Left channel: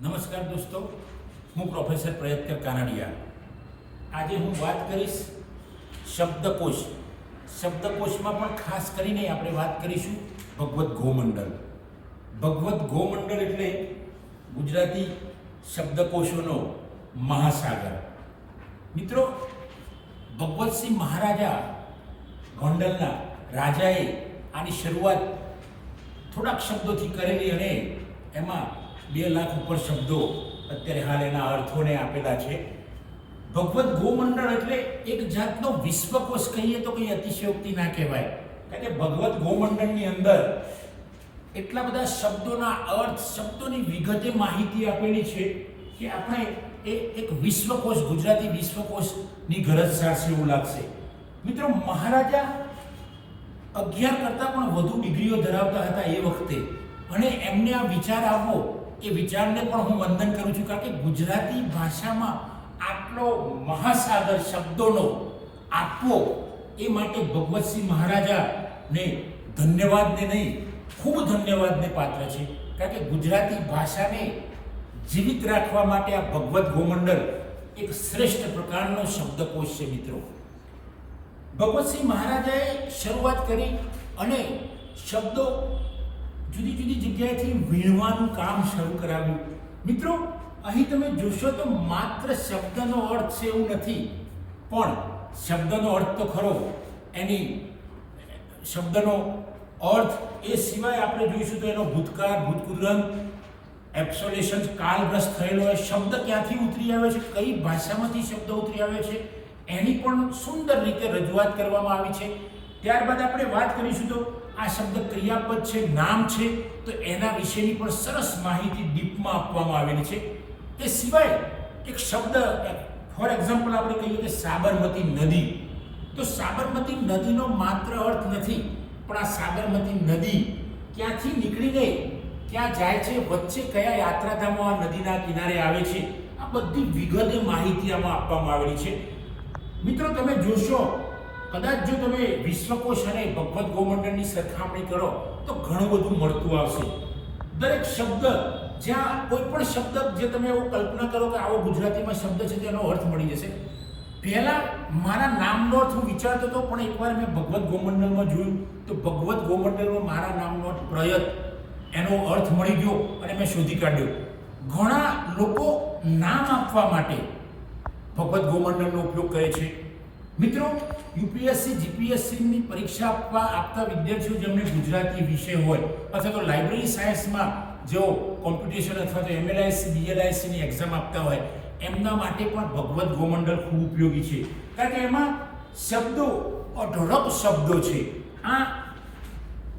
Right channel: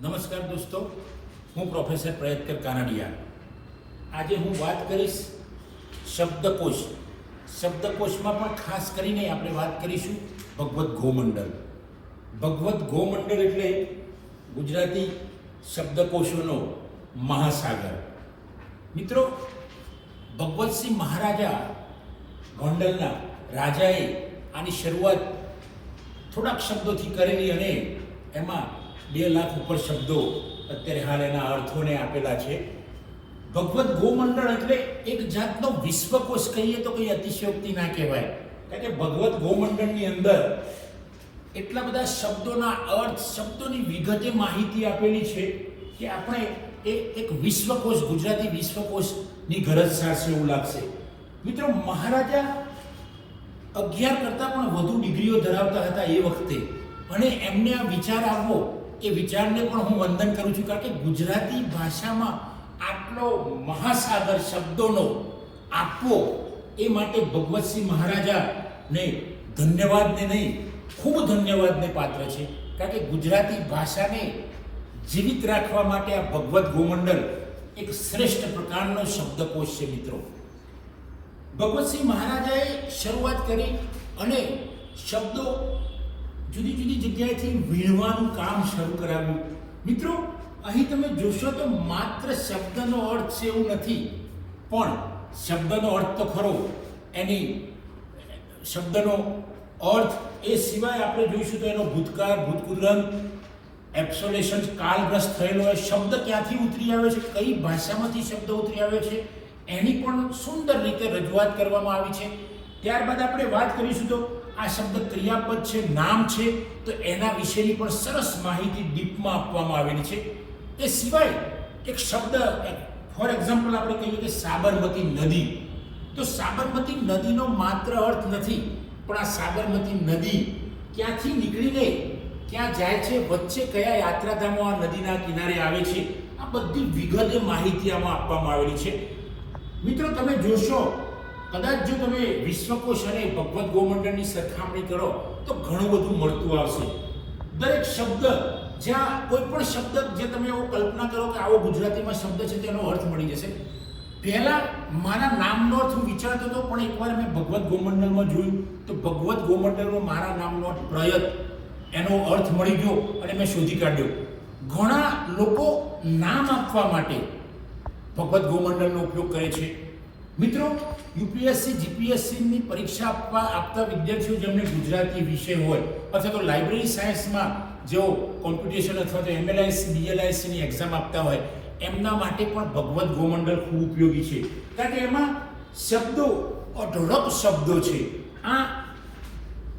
નમસ્કાર દોસ્તો, હું પ્રોફેસર પ્રયત્કર કાનાડિયા. આજે હું વાત કરીશ શબ્દકોશ. શબ્દકોશમાં પણ ખાસ કરીને આપણે વાત કરીશું ભગવદ્ ગોમંડળ. ભગવદ્ ગોમંડળ એટલે ગુજરાતી શબ્દકોશોનો મહાસાગર. મિત્રો, ભગવતસિંહ મહારાજા ગોંડલના રાજાએ આની શરૂઆત થોડાક શબ્દોથી કરેલી અને એમાં 2 લાખ ઉપર શબ્દો અત્યારે હાલ એના અર્થોને આપેલા છે. ભગવદ્ ગોમંડળ એટલે એક જાતનો વિશ્વકોશ કહીએ તો કંઈ અતિશયોક્તિ ના કહેવાય, કારણ કે ભગવદ્ ગોમંડળની અંદર એટલા બધા શબ્દોના અર્થ, શબ્દોની વિગતે માહિતી આપેલી છે કે આપણે એ એક વિશ્વકોશ, ગુજરાતી વિશ્વકોશની ગરજ સારશે એવું લાગશે. મિત્રો, મહારાજા 11 કરતાં પણ વધુ ડિગ્રીઓ ધરાવતા હતા એ વખતે, અને એમને આ વિચાર આવવો, એ વિચારને પણ હું વંદન કરું છું, કારણ કે ગુજરાતી ભાષામાં આટલો મહાસાગર શબ્દોનો આપવો એ માટે ભગવતસિંહ મહારાજાને ધન્યવાદને નહીં, ખૂબ ધન્યવાદને પાત્ર છે. કારણ કે ગુજરાતી ભાષાને જીવિત રાખવા માટે આ ભગવદ્ ગોમંડળ એક શ્રેષ્ઠ પ્રકારનો શબ્દકોશ છે. મિત્રો, ભગવતસિંહ મહારાજાએ શરૂઆત કરી અને શબ્દો જુદી જુદી જગ્યાએથી વીણવાનું કામ શરૂ કરાવ્યું. મિત્રો, અહીં તમે જોશો તો માત્ર શબ્દનો અર્થ છે એવું નથી, પણ શબ્દનો અર્થ તો ખરો, એની શબ્દનો અર્થ એ સિવાય આપણે જોઈશું તો એનો ભૂતકાળ, ભૂતપૂર્વ, એબ્સોલ્યુશન, કાલગ્રસ્ત થયેલો એ શબ્દ ક્યાંથી ઉતરી આવે છે, કઈ ભાષામાંથી શબ્દ ઉતરી આવે છે, એની પણ સુંદર રીતે રજૂઆત કરવામાં આવી છે. ત્યારબાદ આપણે વાત કરીશું તો આ શબ્દ ક્રિયાપદ છે, નામ છે, તો એના વિશેની પણ સરસ માહિતી ડીપમાં આપવામાં આવેલી છે. એ સિવાય એક શબ્દ, ફોર એક્ઝામ્પલ આપણે કહીએ કે સાબરમતી નદી, તો સાબરમતી નદીનો માત્ર અર્થ નથી, પણ આ સાબરમતી નદી ક્યાંથી નીકળીને ક્યાં જાય છે, વચ્ચે કયા યાત્રાધામો આ નદીના કિનારે આવે છે, આ બધી વિગતે માહિતી આમાં આપવામાં આવેલી છે. મિત્રો, તમે જોશો, કદાચ જો તમે વિશ્વકોશ અને ભગવદ્ ગોમંડળની સરખામણી કરો તો ઘણું બધું મળતું આવશે. દરેક શબ્દ, જ્યાં કોઈ પણ શબ્દ જે તમે એવું કલ્પના કરો કે આવો ગુજરાતીમાં શબ્દ છે તેનો અર્થ મળી જશે. પહેલા મારા નામનો અર્થ હું વિચારતો હતો, પણ એકવાર મેં ભગવદ્ ગોમંડળમાં જોયું તો ભગવદ્ ગોમંડળમાં મારા નામનો અર્થ પ્રયત, એનો અર્થ મળી ગયો અને મેં શોધી કાઢ્યો. ઘણા લોકો નામ આપવા માટે ભગવદ્ ગોમંડળનો ઉપયોગ કરે છે. મિત્રો, યુપીએસસી, જીપીએસસીની પરીક્ષા આપતા વિદ્યાર્થીઓ જેમને ગુજરાતી વિષય હોય અથવા તો લાઇબ્રેરી સાયન્સમાં જેઓ કોમ્પિટિશન અથવા તો એમએલઆઈસી, બીએલઆઈસીની એક્ઝામ આપતા હોય, એમના માટે પણ ભગવદ્ ગોમંડળ ખૂબ ઉપયોગી છે. કારણ કે એમાં શબ્દો, અઢળક શબ્દો છે. આ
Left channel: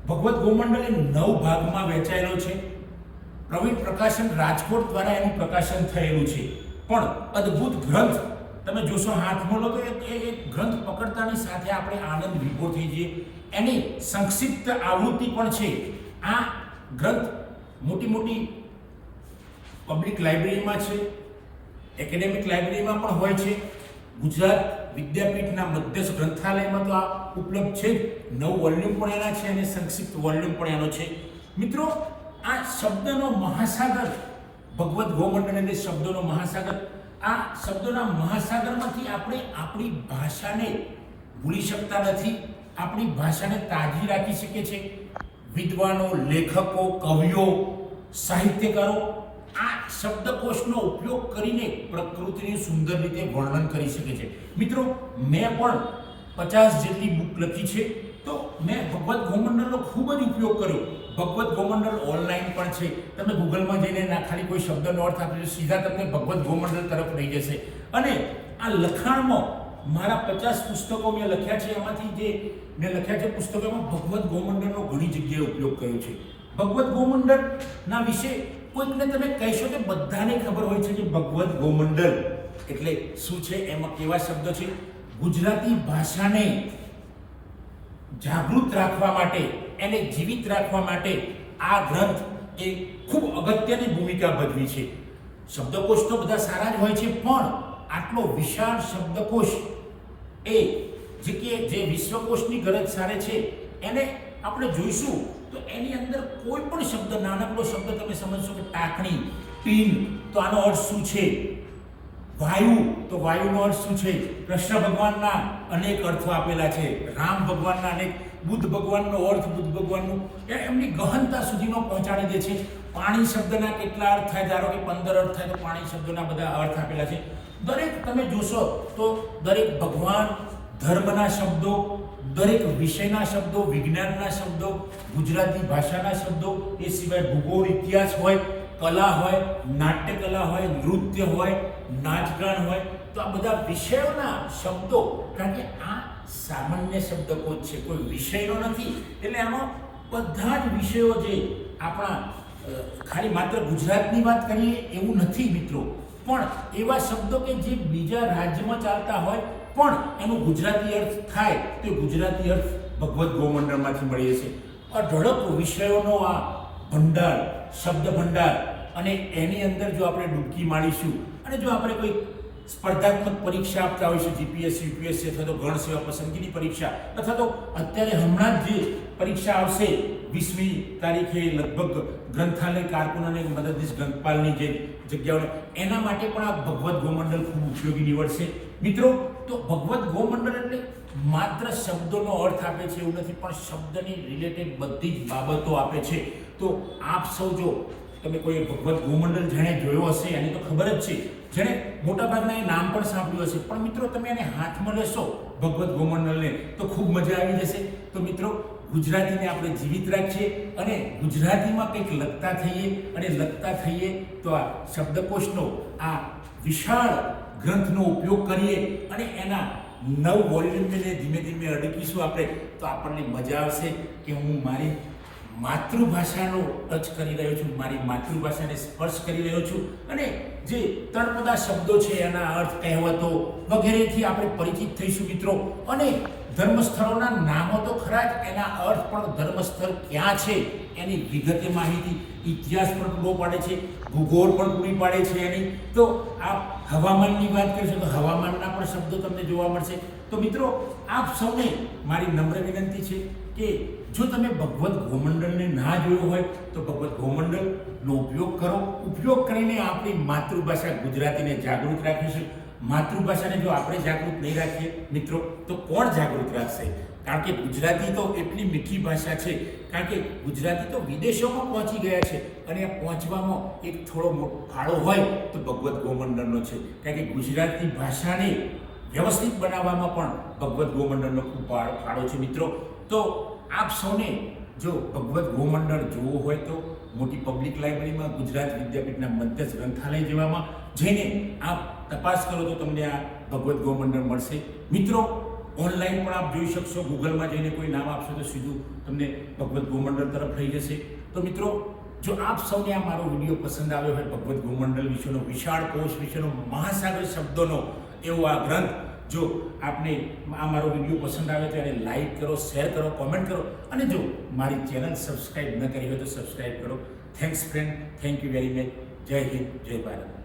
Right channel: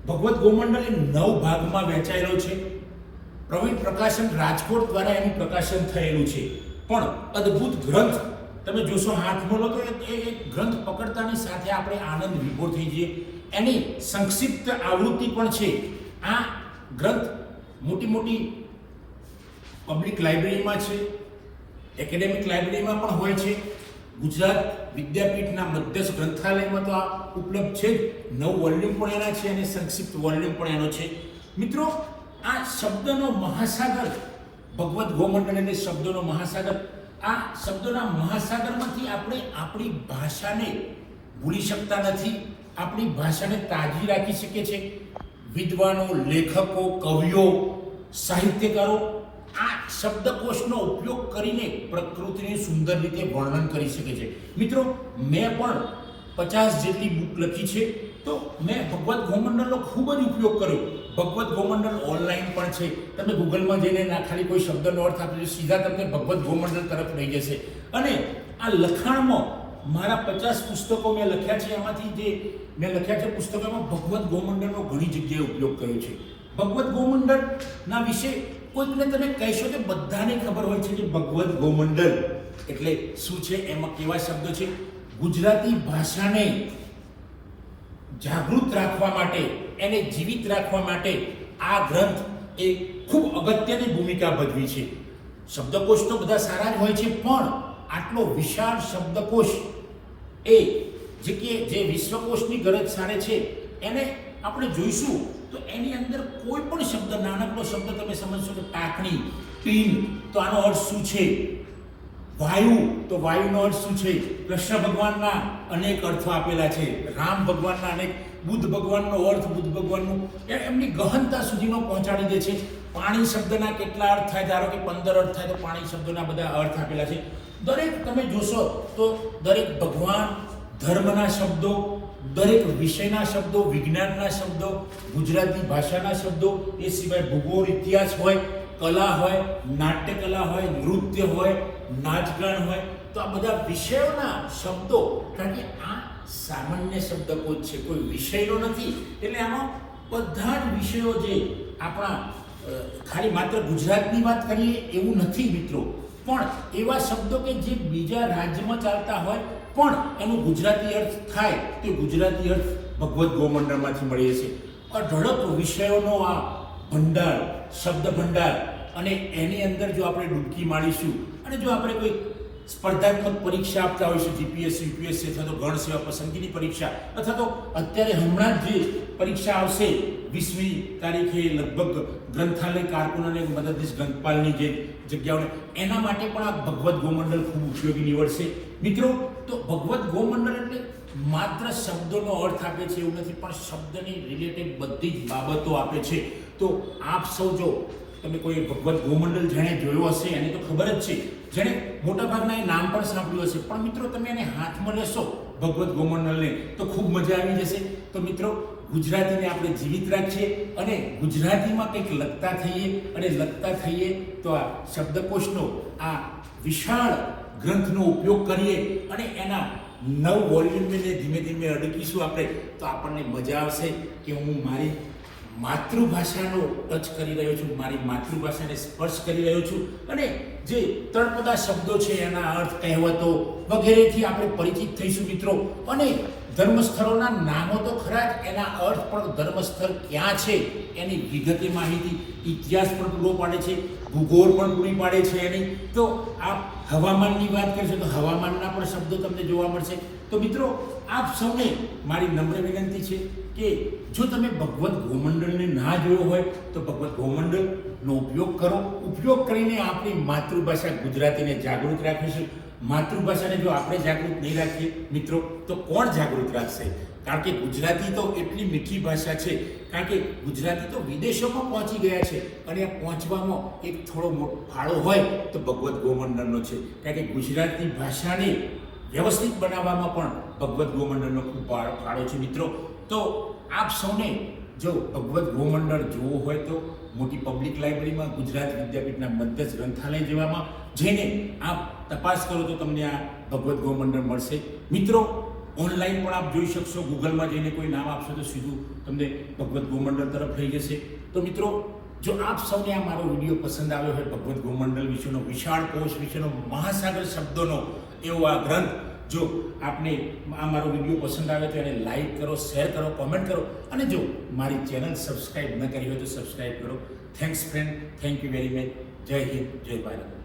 ભગવદ્ ગોમંડળ એ 9 ભાગમાં વહેંચાયેલો છે. પ્રવીણ પ્રકાશન રાજકોટ દ્વારા એનું પ્રકાશન થયેલું છે. પણ અદ્ભુત ગ્રંથ, તમે જોશો હાથમાં લો તો એ ગ્રંથ પકડતાની સાથે આપણે આનંદ વિભોર થઈ જઈએ. એની સંક્ષિપ્ત આવૃત્તિ પણ છે. આ ગ્રંથ મોટી મોટી પબ્લિક લાઇબ્રેરીમાં છે, એકેડેમિક લાઇબ્રેરીમાં પણ હોય છે. ગુજરાત વિદ્યાપીઠના મધ્યસ્થ ગ્રંથાલયમાં તો આ ઉપલબ્ધ છે. 9 વોલ્યુમ પણ એના છે અને સંક્ષિપ્ત વોલ્યુમ પણ એનો છે. મિત્રો, આ શબ્દનો મહાસાગર ભગવદ્ ગોમંડળ એટલે શબ્દોનો મહાસાગર. આ શબ્દોના મહાસાગરમાંથી આપણે આપણી ભાષાને ભૂલી શકતા નથી, આપણી ભાષાને તાજી રાખી શકીએ છીએ. વિદ્વાનો, લેખકો, કવિઓ, સાહિત્યકારો આ શબ્દકોશનો ઉપયોગ કરીને પ્રકૃતિનું સુંદર રીતે વર્ણન કરી શકે છે. મિત્રો, મેં પણ 50 જેટલી બુક લખી છે, તો મેં ભગવદ્ ગોમંડળનો ખૂબ જ ઉપયોગ કર્યો. ભગવદ્ ગોમંડળ ઓનલાઈન પણ છે. તમે ગૂગલમાં જઈને ખાલી કોઈ શબ્દનો અર્થ આપજો, સીધા તમને ભગવદ્ ગોમંડળ તરફ લઈ જશે. અને આ લખાણમાં મારા 50 પુસ્તકો મેં લખ્યા છે, એમાંથી જે મેં લખ્યા છે પુસ્તકોમાં ભગવદ્ ગોમંડળનો ઘણી જગ્યાએ ઉપયોગ કર્યો છે. ભગવદ્ ગોમંડળના વિશે કોઈકને તમે કહેશો કે બધાને ખબર હોય છે કે ભગવદ્ ગોમંડળ એટલે શું છે, એમાં કેવા શબ્દો છે. ગુજરાતી ભાષાને જાગૃત રાખવા માટે, એને જીવિત રાખવા માટે આ ગ્રંથ એ ખૂબ અગત્યની ભૂમિકા ભજવી છે. શબ્દકોશ તો બધા સારા જ હોય છે, પણ આટલો વિશાળ શબ્દકોશ એ જે વિશ્વકોશની ગરજ સારે છે, એને આપણે જોઈશું તો એની અંદર કોઈ પણ શબ્દ, નાનકડો શબ્દ તમે સમજશો કે ટાંકણી, ટીન, તો આનો અર્થ શું છે? વાયુ, તો વાયુનો અર્થ શું છે? કૃષ્ણ ભગવાનના અનેક અર્થો આપેલા છે, રામ ભગવાનના અનેક, બુદ્ધ ભગવાનનો અર્થ, બુદ્ધ ભગવાનનું એમની ગહનતા સુધીનો પહોંચાડી દે છે. પાણી શબ્દના કેટલા અર્થ થાય? ધારો કે 15 અર્થ થાય તો પાણી શબ્દના બધા અર્થ આપેલા છે. દરેક તમે જોશો તો દરેક ભગવાન, ધર્મના શબ્દો, દરેક વિષયના શબ્દો, વિજ્ઞાનના શબ્દો, ગુજરાતી ભાષાના શબ્દો, એ સિવાય ભૂગોળ, ઇતિહાસ હોય, કલા હોય, નાટ્ય કલા હોય, નૃત્ય હોય, નાચગાન હોય, તો આ બધા વિષયોના શબ્દો, કારણ કે આ સામાન્ય શબ્દકોશ છે, કોઈ વિષયનો નથી. એટલે આનો બધા જ વિષયો જે આપણા ખાલી માત્ર ગુજરાતની વાત કરીએ એવું નથી મિત્રો, પણ એવા શબ્દો કે જે બીજા રાજ્યમાં ચાલતા હોય પણ એનું ગુજરાતી અર્થ થાય તો ગુજરાતી અર્થ ભગવદ્ ગોમંડળમાંથી મળીએ છે. અઢળક વિષયોનો આ ભંડાર, શબ્દ ભંડાર, અને એની અંદર જો આપણે ડૂબકી મારીશું અને જો આપણે કોઈ સ્પર્ધાત્મક પરીક્ષા આપતા હોઈશું, જીપીએસસી, યુપીએસસી અથવા તો ગણ સેવા પસંદગીની પરીક્ષા, અથવા તો અત્યારે હમણાં જ જે પરીક્ષા આવશે 20મી તારીખે લગભગ ગ્રંથાલય કારકુન અને મદદનીશ ગ્રંથપાલની જે જગ્યાઓને, એના માટે પણ આ ભગવદ્ ગોમંડળ ખૂબ ઉપયોગી નીવડશે મિત્રો. તો ભગવદ્ ગોમંડળ એટલે માત્ર શબ્દોનો અર્થ આપે છે એવું નથી, પણ શબ્દની રિલેટેડ બધી જ બાબતો આપે છે. તો આપ સૌ જો તમે કોઈ ભગવદ્ ગોમંડળ જેણે જોયો હશે એને તો ખબર જ છે, જેણે મોટાભાગના એ નામ પણ સાંભળ્યું હશે, પણ મિત્રો તમે એને હાથમાં લેશો ભગવદ્ ગોમંડળને તો ખૂબ મજા આવી જશે. તો મિત્રો ગુજરાતીને આપણે જીવિત રાખીએ અને ગુજરાતીમાં કંઈક લખતા થઈએ, અને લખતા થઈએ તો આ શબ્દકોશનો આ વિશાળ ગ્રંથનો ઉપયોગ કરીએ અને એના 9 વોલ્યુમને ધીમે ધીમે અડકીશું આપણે, તો આપણને મજા આવશે કે હું મારી માતૃભાષાનો ટચ કરી રહ્યો છું, મારી માતૃભાષાને સ્પર્શ કરી રહ્યો છું, અને જે તળપદા શબ્દો છે એના અર્થ, કહેવતો વગેરેથી આપણે પરિચિત થઈશું મિત્રો. અને ધર્મસ્થળોના નામો તો ખરા જ, એના અર્થ પણ, ધર્મસ્થળ ક્યાં છે એની વિગતે માહિતી, ઇતિહાસ પણ પૂરો પાડે છે, ભૂગોળ પણ પૂરી પાડે છે એની. તો આપ હવામાનની વાત કરશો તો હવામાનના પણ શબ્દો તમને જોવા મળશે. તો મિત્રો આપ સૌને મારી નમ્ર વિનંતી છે કે જો તમે ભગવદ્ ગોમંડળને ના જોયો હોય તો ભગવદ્ ગોમંડળનો ઉપયોગ કરો. ઉપયોગ કરીને આપણી માતૃભાષા ગુજરાતીને જાગૃત રાખીશું. માતૃભાષાને જો આપણે જાગૃત નહીં રાખીએ મિત્રો તો કોણ જાગૃત રાખશે? કારણ કે ગુજરાતી તો એટલી મીઠી ભાષા છે, કારણ કે ગુજરાતી તો વિદેશોમાં પહોંચી ગયા છે, અને આ પહોંચવામાં એક થોડો મોટો ફાળો હોય તો ભગવદ્ ગોમંડળનો છે. કારણ કે ગુજરાતી ભાષાને વ્યવસ્થિત બનાવવામાં પણ ભગવદ્ ગોમંડળનો ખૂબ ફાળો છે મિત્રો. તો આપ સૌને જો ભગવદ્ ગોમંડળ જોવો હોય તો મોટી પબ્લિક લાઇબ્રેરીમાં, ગુજરાત વિદ્યાપીઠના મધ્યસ્થ ગ્રંથાલય જેવામાં જઈને આપ તપાસ કરો તો તમને આ ભગવદ્ ગોમંડળ મળશે મિત્રો. ઓનલાઈન પણ આપ જોઈ શકશો, ગૂગલમાં જઈને કોઈ નામ આપશો તો સીધું તમને ભગવદ્ ગોમંડળ તરફ લઈ જશે. તો મિત્રો જો આપ સૌને આ મારો વિડીયો પસંદ આવ્યો હોય, ભગવદ્ ગોમંડળ વિશેનો, વિશાળ કોશ વિશેનો, મહાસાગર શબ્દોનો એવો આ ગ્રંથ, જો આપને આ મારો વિડીયો પસંદ આવે તો એને લાઈક કરો, શેર કરો, કોમેન્ટ કરો, અને જો મારી ચેનલ સબસ્ક્રાઈબ ન કરી હોય તો સબસ્ક્રાઈબ કરો. Thanks friend, thank you very much. જય હિન્દ, જય ભારત.